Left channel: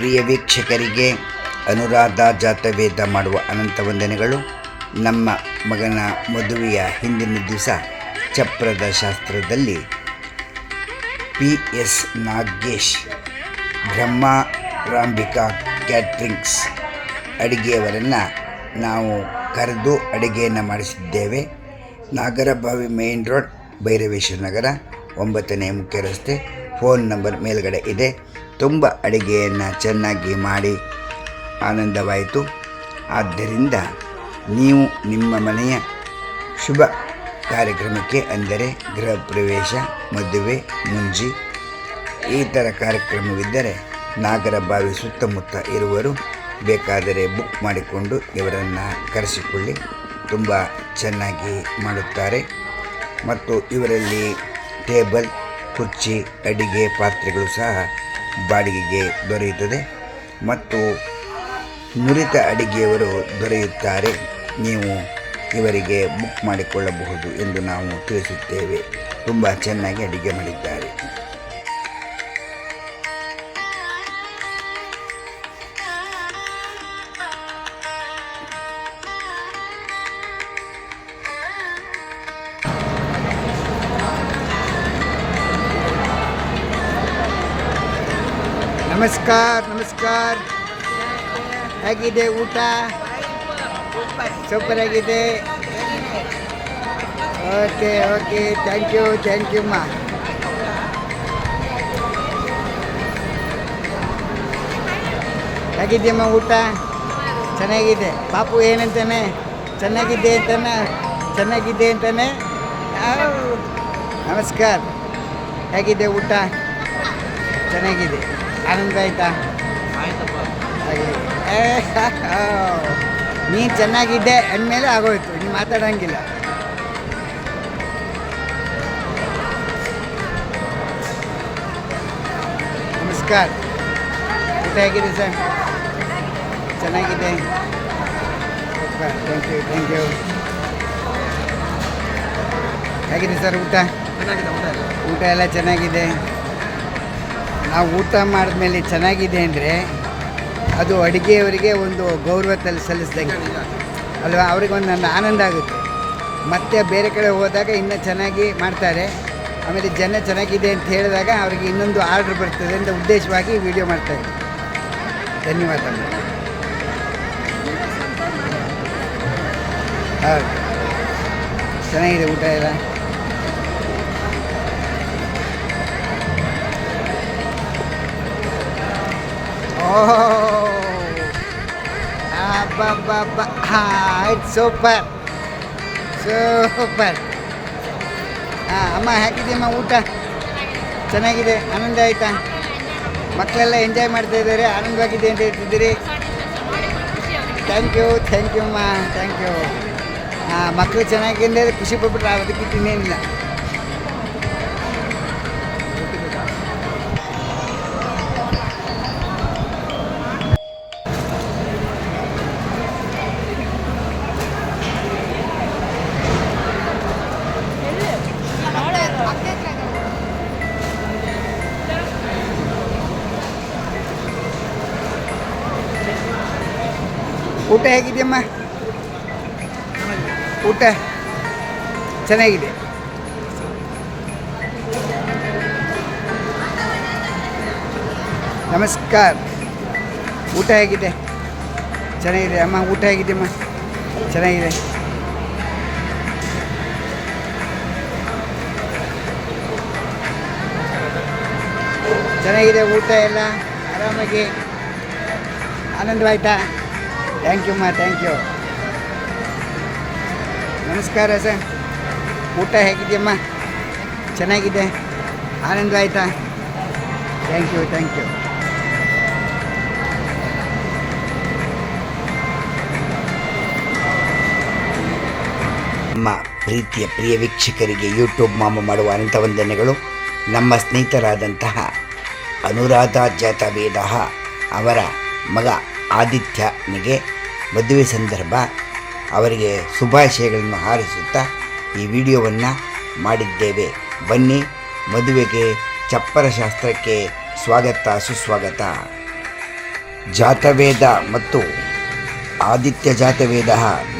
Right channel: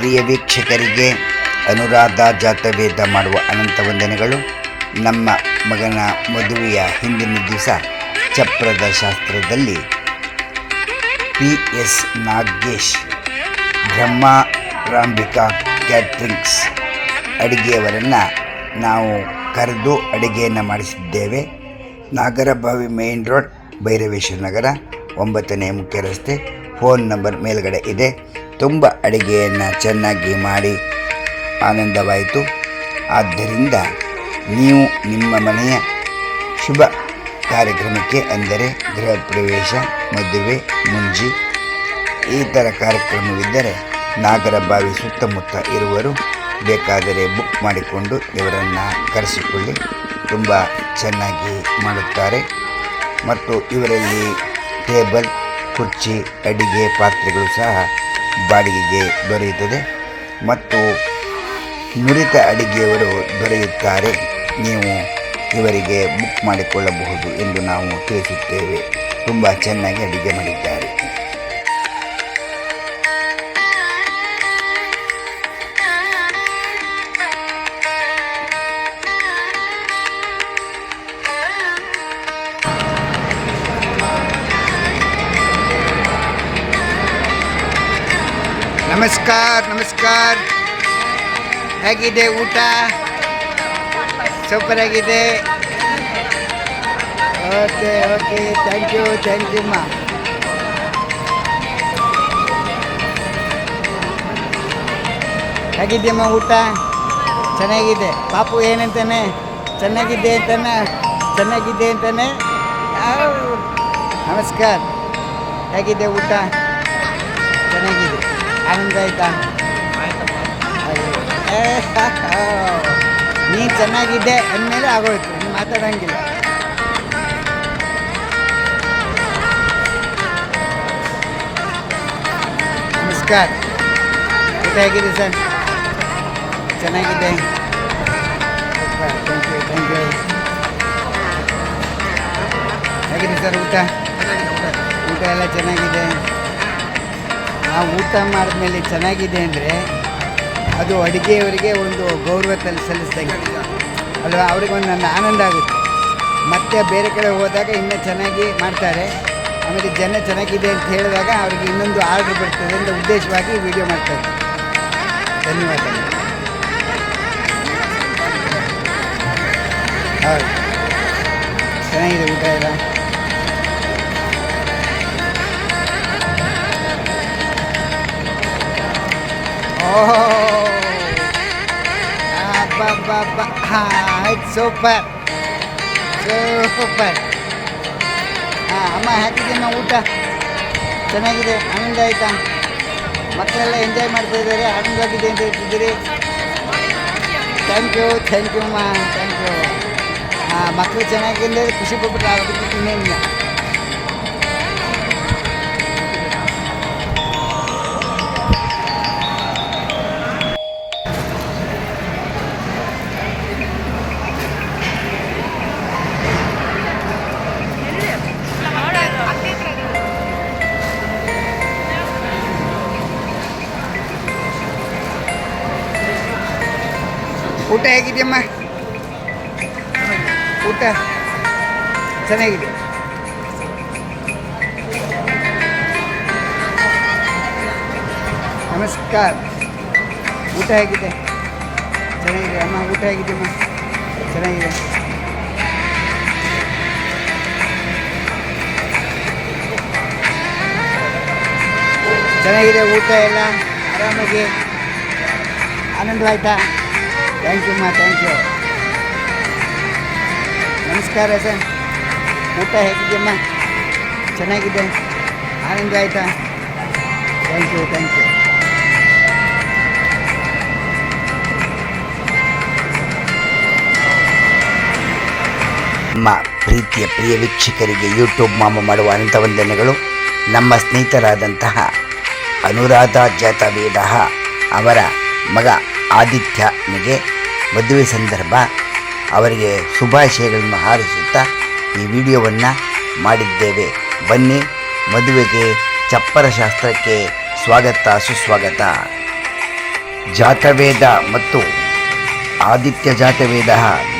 ಪ್ರಿಯ ವೀಕ್ಷಕರಿಗೆ ಅನುರಾಧ ಜಾತವೇದ ಮಾಡುವ ಅನಂತ ವಂದನೆಗಳು. ನಮ್ಮ ಮಗನ ಮದುವೆಯ ಹಿಂದಿನ ದಿವಸ ಚಪ್ರದ ಶಾಸ್ತ್ರದಲ್ಲಿ PS ನಾಗೇಶ್ ಬ್ರಹ್ಮಾರಾಂಬಿಕಾ ಕ್ಯಾಟ್ರಿಂಗ್ಸ್ ಅಡುಗೆಯವರನ್ನು ನಾವು ಕರೆದು ಅಡುಗೆಯನ್ನು ಮಾಡಿಸಿದ್ದೇವೆ. ನಾಗರಬಾವಿ ಮೇನ್ ರೋಡ್, ಭೈರವೇಶ್ವರ ನಗರ, 9ನೇ ಮುಖ್ಯ ರಸ್ತೆ. ಫೋನ್ ನಂಬರ್ ಮೇಲ್ಗಡೆ ಇದೆ. ತುಂಬ ಅಡುಗೆಯನ್ನು ಚೆನ್ನಾಗಿ ಮಾಡಿ ಆನಂದವಾಯಿತು. ಆದ್ದರಿಂದ ನೀವು ನಿಮ್ಮ ಮನೆಯ ಶುಭ ಕಾರ್ಯಕ್ರಮಕ್ಕೆ, ಅಂದರೆ ಗೃಹ ಪ್ರವೇಶ, ಮದುವೆ, ಮುಂಜಿ ಈ ಥರ ಕಾರ್ಯಕ್ರಮವಿದ್ದರೆ ನಾಗರಬಾವಿ ಸುತ್ತಮುತ್ತ ಇರುವರು ಬೇಕಾದರೆ ಬುಕ್ ಮಾಡಿಕೊಂಡು ಇವರನ್ನು ಕರೆಸಿಕೊಳ್ಳಿ. ತುಂಬ ಚೆನ್ನಾಗಿ ಮಾಡುತ್ತಾರೆ. ಮತ್ತು ಇವರಲ್ಲಿ ಟೇಬಲ್, ಕುರ್ಚಿ, ಅಡಿಗೆ ಪಾತ್ರೆಗಳು ಸಹ ಬಾಡಿಗೆಗೆ ದೊರೆಯುತ್ತದೆ. ಮತ್ತು ನುರಿತ ಅಡಿಗೆಯವರು ದೊರೆಯುತ್ತಾರೆ. ನೀವು ಇವರಿಗೆ ಬುಕ್ ಮಾಡಿಕೊಳ್ಳಬಹುದು ಎಂದು ನಾವು ತಿಳಿಸುತ್ತೇವೆ. ತುಂಬ ಚೆನ್ನಾಗಿ ಅಡಿಗೆ ಮಾಡಿದ್ದಾರೆ. ನಮಸ್ಕಾರ. ಹೇಗಿದೆ ಊಟ? ಸೂಪರ್ ಆಗಿದೆ. ಓಕೆ ಥ್ಯಾಂಕ್ ಯು ಅಮ್ಮ. ಹೇಗಿದೆಯಮ್ಮ ಊಟ? ಚೆನ್ನಾಗಿದೆ. ಪಾಪು ಏನಂತಾನೆ? ಚೆನ್ನಾಗಿದೆ ಅಂತಾನೆ. ನಮಸ್ಕಾರ. ಹೇಗಿದೆ ಊಟ? ಚೆನ್ನಾಗಿದೆ. ಆನಂದ ಆಯ್ತಾ? ಆಗಲಿ. ನೀನು ಚೆನ್ನಾಗಿದ್ದೆ ಅಂದಮೇಲೆ ಆಗೋಯ್ತು, ನೀನು ಮಾತಾಡೋಂಗಿಲ್ಲ. ನಮಸ್ಕಾರ. ಊಟ ಹೇಗಿದೆ ಸರ್? ಚೆನ್ನಾಗಿದೆ. Thank you. ಹೇಗಿದೆ ಸರ್ ಊಟ? ಊಟ ಎಲ್ಲ ಚೆನ್ನಾಗಿದೆ. ನಾವು ಊಟ ಮಾಡಿದ್ಮೇಲೆ ಚೆನ್ನಾಗಿದೆ ಅಂದರೆ ಅದು ಅಡುಗೆಯವರಿಗೆ ಒಂದು ಗೌರವ ಸಲ್ಲಿಸಿದಂಗೆ ಅಲ್ವಾ? ಅವ್ರಿಗೆ ಒಂದು ನನ್ನ ಆನಂದ ಆಗುತ್ತೆ. ಮತ್ತು ಬೇರೆ ಕಡೆ ಹೋದಾಗ ಇನ್ನೂ ಚೆನ್ನಾಗಿ ಮಾಡ್ತಾರೆ. ಆಮೇಲೆ ಜನ ಚೆನ್ನಾಗಿದೆ ಅಂತ ಹೇಳಿದಾಗ ಅವರಿಗೆ ಇನ್ನೊಂದು ಆರ್ಡ್ರ್ ಬರ್ತದೆ ಅಂತ ಉದ್ದೇಶವಾಗಿ ವಿಡಿಯೋ ಮಾಡ್ತಾಯಿದ್ದೆ. ಧನ್ಯವಾದಗಳು. ಹೌದು, ಚೆನ್ನಾಗಿದೆ ಊಟ ಎಲ್ಲ. ಆಯ್ತು, ಸೂಪರ್. ಅಮ್ಮ ಹೇಗಿದೆಯಮ್ಮ ಊಟ? ಚೆನ್ನಾಗಿದೆ. ಆನಂದ ಆಯಿತಾ? ಮಕ್ಕಳೆಲ್ಲ ಎಂಜಾಯ್ ಮಾಡ್ತಾಯಿದ್ದಾರೆ, ಆನಂದವಾಗಿದೆ ಅಂತ ಹೇಳ್ತಿದ್ದೀರಿ. ಥ್ಯಾಂಕ್ ಯು ಅಮ್ಮ, ಥ್ಯಾಂಕ್ ಯು. ಮಕ್ಕಳು ಚೆನ್ನಾಗಿದೆ, ಖುಷಿ ಪಡ್ಬಿಟ್ರೆ ಅದಕ್ಕೆ ಇನ್ನೇನಿಲ್ಲ. ಊಟ ಹೇಗಿದೆಯಮ್ಮ? ಊಟ ಚೆನ್ನಾಗಿದೆ. ನಮಸ್ಕಾರ. ಊಟ ಹೇಗಿದೆ? ಚೆನ್ನಾಗಿದೆ ಅಮ್ಮ. ಊಟ ಹೇಗಿದೆಯಮ್ಮ? ಚೆನ್ನಾಗಿದೆ. ಚೆನ್ನಾಗಿದೆ ಊಟ ಎಲ್ಲ. ಆರಾಮಾಗಿ ಆನಂದವಾಯ್ತಾ? ಥ್ಯಾಂಕ್ ಯು ಅಮ್ಮ, ಥ್ಯಾಂಕ್ ಯು. ನಮಸ್ಕಾರ ಸರ್. ಊಟ ಹೇಗಿದೆಯಮ್ಮ? ಚೆನ್ನಾಗಿದೆ. ಆನಂದ ಆಯಿತಾ? Thank you. ನಮ್ಮ ಪ್ರೀತಿಯ ಪ್ರಿಯ ವೀಕ್ಷಕರಿಗೆ ಯೂಟ್ಯೂಬ್ ಮಾಮ ಮಾಡುವ ಅನಂತ ವಂದನೆಗಳು. ನಮ್ಮ ಸ್ನೇಹಿತರಾದಂತಹ ಅನುರಾಧ ಜಾತವೇದ ಅವರ ಮಗ ಆದಿತ್ಯನಿಗೆ ಮದುವೆ ಸಂದರ್ಭ ಅವರಿಗೆ ಶುಭಾಶಯಗಳನ್ನು ಹಾರೈಸುತ್ತಾ ಈ ವಿಡಿಯೋವನ್ನು ಮಾಡಿದ್ದೇವೆ. ಬನ್ನಿ, ಮದುವೆಗೆ ಚಪ್ಪರ ಶಾಸ್ತ್ರಕ್ಕೆ ಸ್ವಾಗತ ಸುಸ್ವಾಗತ. ಜಾತವೇದ ಮತ್ತು ಆದಿತ್ಯ ಜಾತವೇದ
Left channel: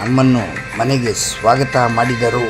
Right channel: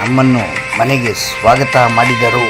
ನಮ್ಮನ್ನು ಮನೆಗೆ ಸ್ವಾಗತ ಮಾಡಿದರು.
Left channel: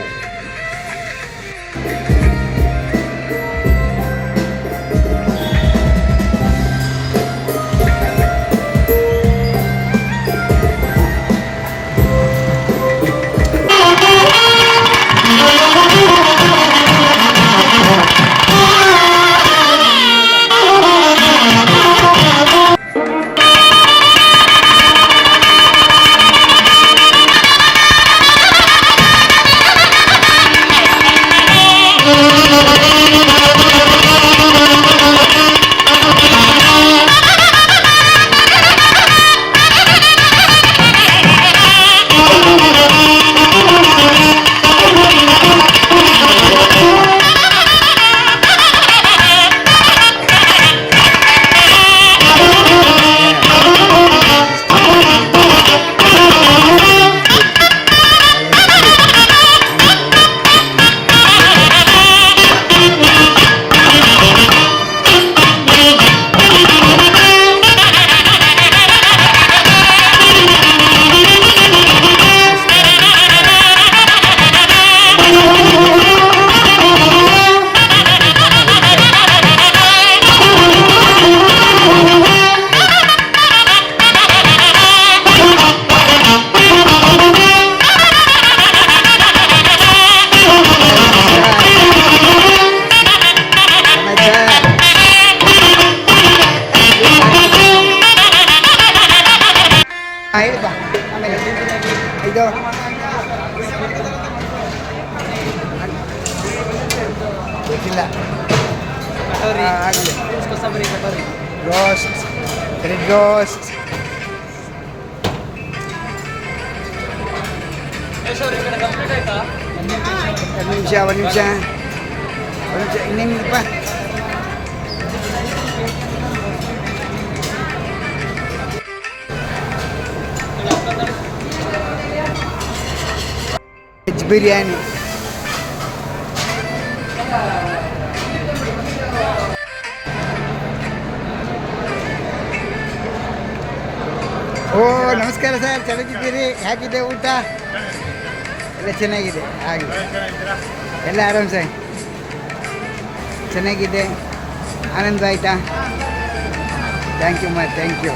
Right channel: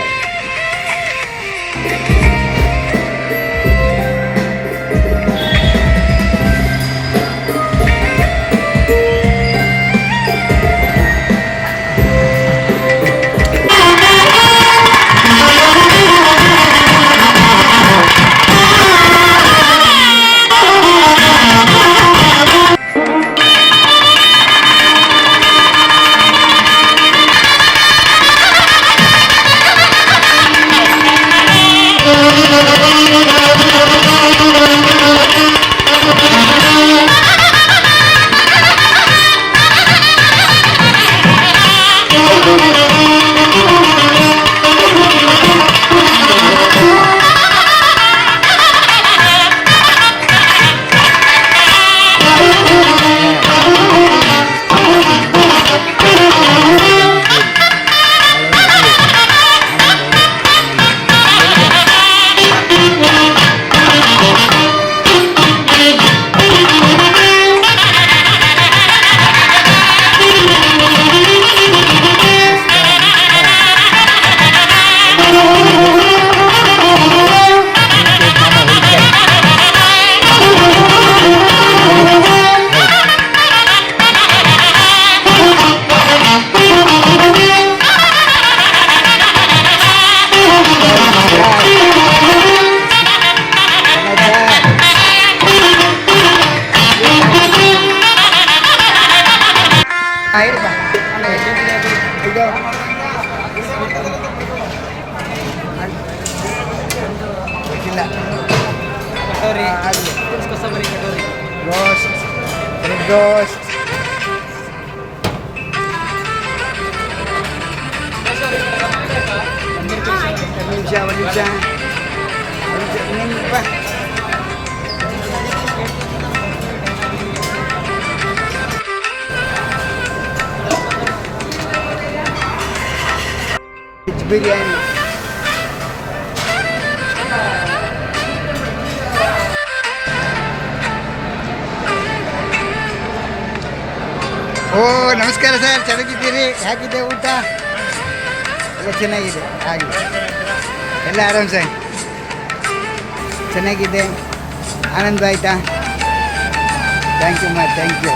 ಹೇಳಿಪ್ಪ ಆಮೇಲೆ ಇದು ಗೊತ್ತಿಲ್ಲ ಆಗಲಿ ರೋಸ್ಟ್ ಬ್ರೆಡ್ ರೋಸ್ಟ್ ಒಂದು ನಿಮಿಷ ಇನ್ನೇನಿಪ್ಪ ವೆಜ್ ಬಿರಿಯಾನಿ ಓ ನಮಸ್ಕಾರ ಸರ್, ಚೆನ್ನಾಗಿದ್ದೀರಿ? ಹೇಗಿದೆ ಊಟ ಎಲ್ಲ? ಚೆನ್ನಾಗಿದೆ. ಹಾಗೆ ಎಲ್ಲ ಆರಾಮ್ ಸರ್, ಚೆನ್ನಾಗಿದೆ. ಆನಂದ ಆಯಿತಾ? Thank you thank you.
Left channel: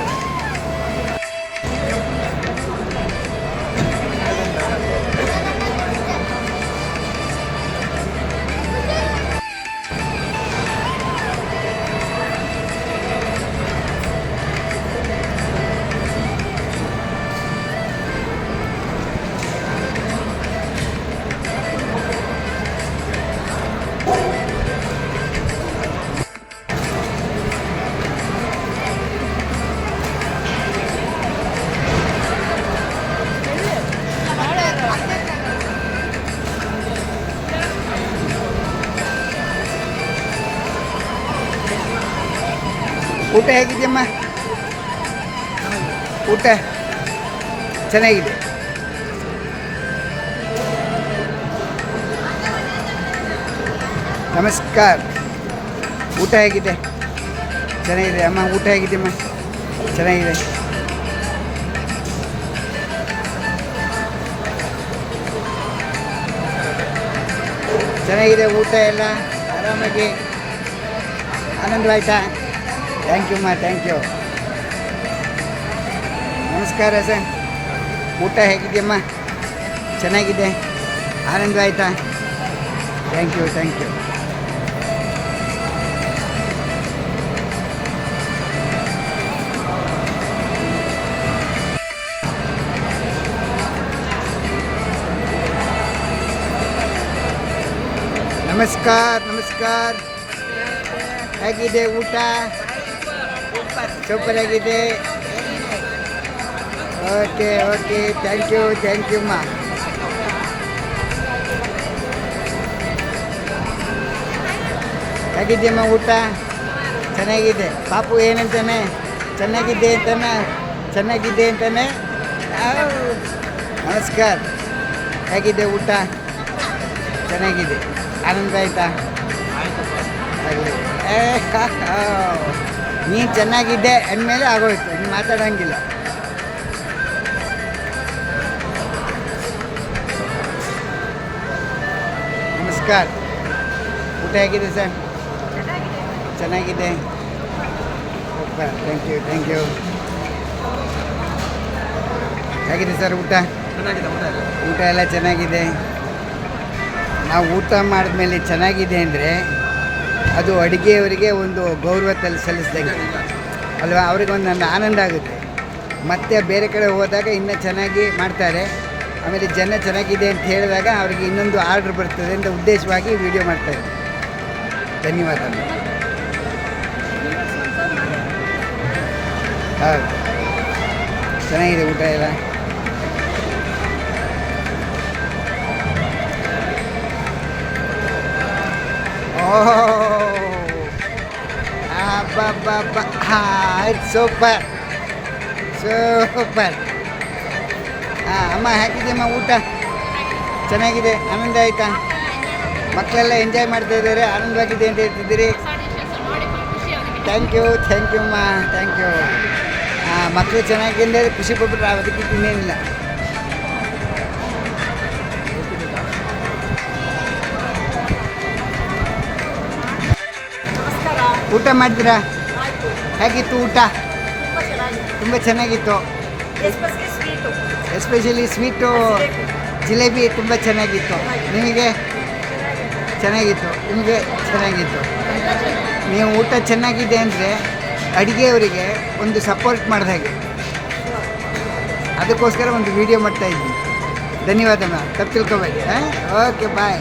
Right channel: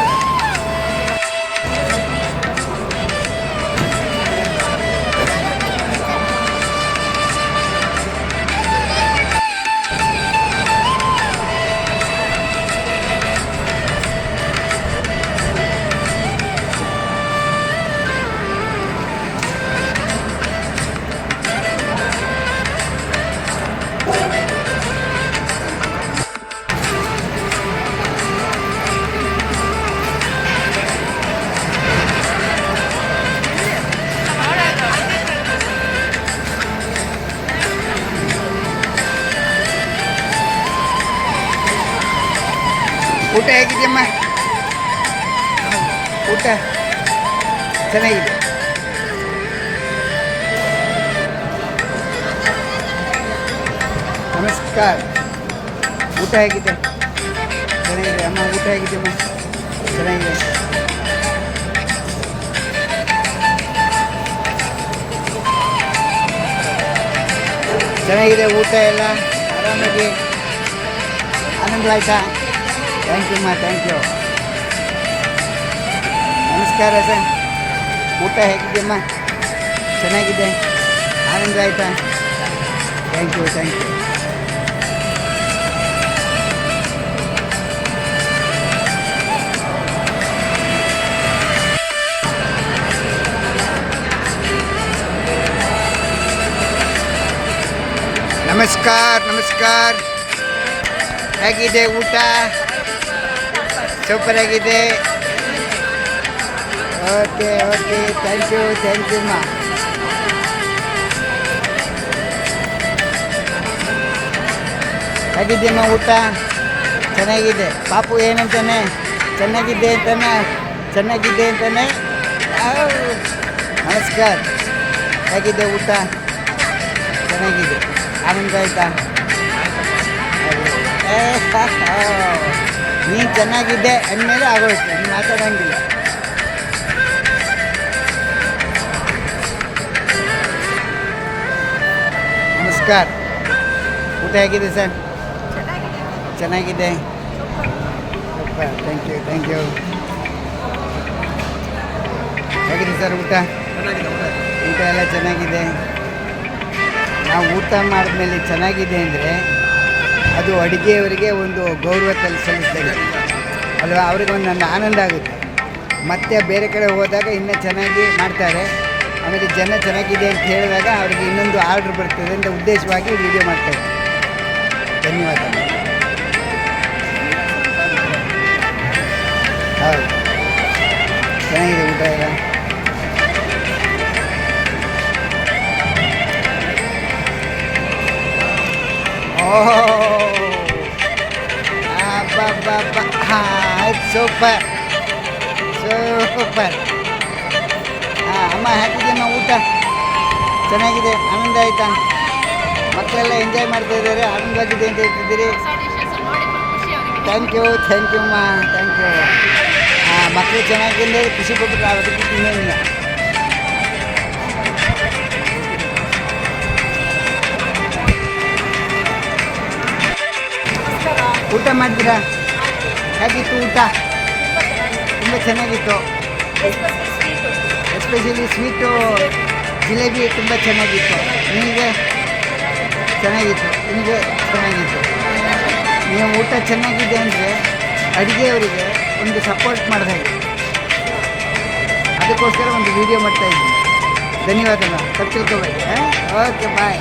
ಊಟ ಹೇಗಿದೆಯಮ್ಮ? ಊಟ ಚೆನ್ನಾಗಿದೆ. ನಮಸ್ಕಾರ. ಊಟ ಹೇಗಿದೆ? ಚೆನ್ನಾಗಿದೆ ಅಮ್ಮ. ಊಟ ಹೇಗಿದೆಯಮ್ಮ? ಚೆನ್ನಾಗಿದೆ. ಚೆನ್ನಾಗಿದೆ ಊಟ ಎಲ್ಲ ಆರಾಮಾಗಿ. ಆನಂದವಾಯ್ತಾ? Thank you thank you. ನಮಸ್ಕಾರ ಸರ್. ಊಟ ಹೇಗಿದೆಯಮ್ಮ? ಚೆನ್ನಾಗಿದೆ. ಆನಂದ ಆಯಿತಾ? Thank you thank you. ನಮಸ್ಕಾರ. ಹೇಗಿದೆ ಊಟ? ಸೂಪರ್ ಆಗಿದೆ. ಓಕೆ ಥ್ಯಾಂಕ್ ಯು ಮಾ. ಹೇಗಿದೆಯಮ್ಮ ಊಟ? ಚೆನ್ನಾಗಿದೆ. ಪಾಪು ಏನಂತಾನೆ? ಚೆನ್ನಾಗಿದೆ ಅಂತಾನೆ. ನಮಸ್ಕಾರ. ಹೇಗಿದೆ ಊಟ? ಚೆನ್ನಾಗಿದೆ. ಆನಂದ ಆಯಿತಾ? ನೀನು ಚೆನ್ನಾಗಿದ್ದೆ ಅಂದಮೇಲೆ ಆಗೋಯ್ತು, ನೀನು ಮಾತಾಡೋಂಗಿಲ್ಲ. ನಮಸ್ಕಾರ. ಊಟ ಹೇಗಿದೆ ಸರ್? ಚೆನ್ನಾಗಿದೆ. Thank you thank you. ಹೇಗಿದೆ ಸರ್ ಊಟ? ಊಟ ಎಲ್ಲ ಚೆನ್ನಾಗಿದೆ. ನಾವು ಊಟ ಮಾಡಿದ್ಮೇಲೆ ಚೆನ್ನಾಗಿದೆ ಅಂದರೆ ಅದು ಅಡುಗೆಯವರಿಗೆ ಒಂದು ಗೌರವ ಸಲ್ಲಿಸಿದಂಗೆ ಅಲ್ವಾ, ಅವ್ರಿಗೆ ಒಂದು ಆನಂದ ಆಗುತ್ತೆ. ಮತ್ತು ಬೇರೆ ಕಡೆ ಹೋದಾಗ ಇನ್ನೂ ಚೆನ್ನಾಗಿ ಮಾಡ್ತಾರೆ, ಆಮೇಲೆ ಜನ ಚೆನ್ನಾಗಿದೆ ಅಂತ ಹೇಳಿದಾಗ ಅವ್ರಿಗೆ ಇನ್ನೊಂದು ಆರ್ಡ್ರ್ ಬರ್ತದೆ ಅಂತ ಉದ್ದೇಶವಾಗಿ ವಿಡಿಯೋ ಮಾಡ್ತಾರೆ. ಧನ್ಯವಾದ. ಹೌದು, ಚೆನ್ನಾಗಿದೆ ಊಟ ಎಲ್ಲ. ಓಹ್ ಅಬ್ಬಬ್ಬಬ್ಬ, ಆಯ್ತು, ಸೂಪರ್ ಸೂಪರ್. ಅಮ್ಮ ಹೇಗಿದೆಯಮ್ಮ ಊಟ? ಚೆನ್ನಾಗಿದೆ. ಆನಂದ ಆಯಿತಾ? ಮಕ್ಕಳೆಲ್ಲ ಎಂಜಾಯ್ ಮಾಡ್ತಾ ಇದ್ದಾರೆ, ಆನಂದವಾಗಿದೆ ಅಂತ ಹೇಳ್ತಿದ್ದೀರಿ. ಥ್ಯಾಂಕ್ ಯು ಅಮ್ಮ, ಥ್ಯಾಂಕ್ ಯು. ಮಕ್ಕಳು ಚೆನ್ನಾಗಿದೆ, ಖುಷಿ ಪಟ್ಬಿಟ್ರೆ ಅದಕ್ಕೆ ಇನ್ನೇನಿಲ್ಲ. ಊಟ ಮಾಡಿದ್ರಾ? ಹೇಗಿತ್ತು ಊಟ? ತುಂಬ ಚೆನ್ನಾಗಿತ್ತು. ಎಸ್ಪೆಷಲಿ ಸ್ವೀಟು ಜಿಲೇಬಿ ತುಂಬ ಚೆನ್ನಾಗಿತ್ತು. ನಿಮಗೆ ಚೆನ್ನಾಗಿತ್ತು? ನಿಮಗೆ ಚೆನ್ನಾಗಿತ್ತು. ನೀವು ಊಟ ಚೆನ್ನಾಗಿದೆ ಅಂದರೆ ಅಡುಗೆಯವರಿಗೆ ಒಂದು ಸಪೋರ್ಟ್ ಮಾಡಿದಾಗೆ, ಅದಕ್ಕೋಸ್ಕರ ಒಂದು ವಿಡಿಯೋ ಮಾಡ್ತಾಯಿದ್ದೀನಿ. ಧನ್ಯವಾದ. ತಪ್ಪು ತಿಳ್ಕೊಬೇಡಿ. ಓಕೆ, ಬಾಯ್.